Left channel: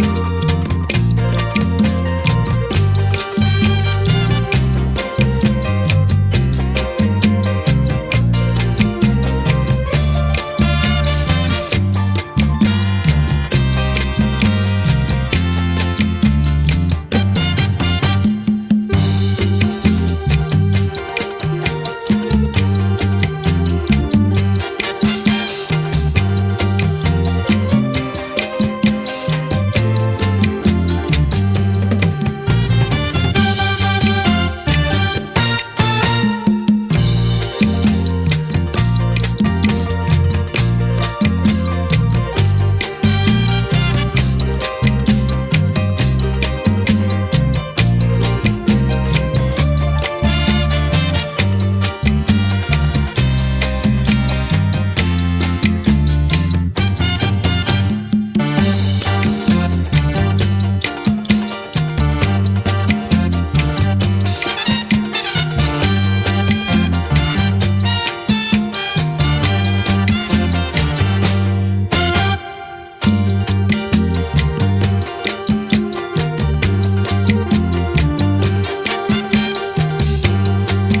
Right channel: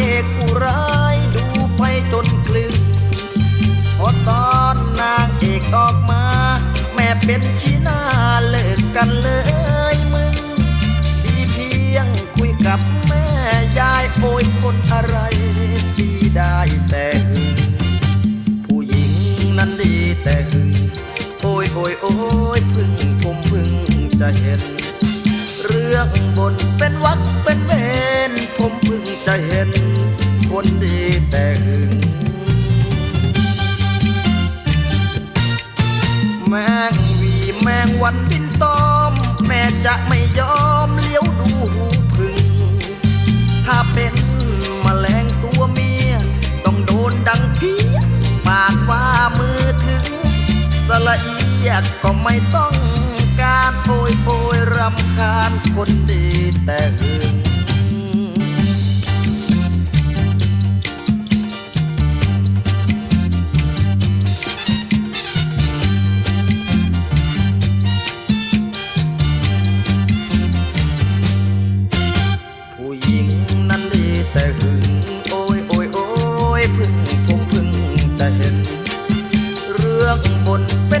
get one.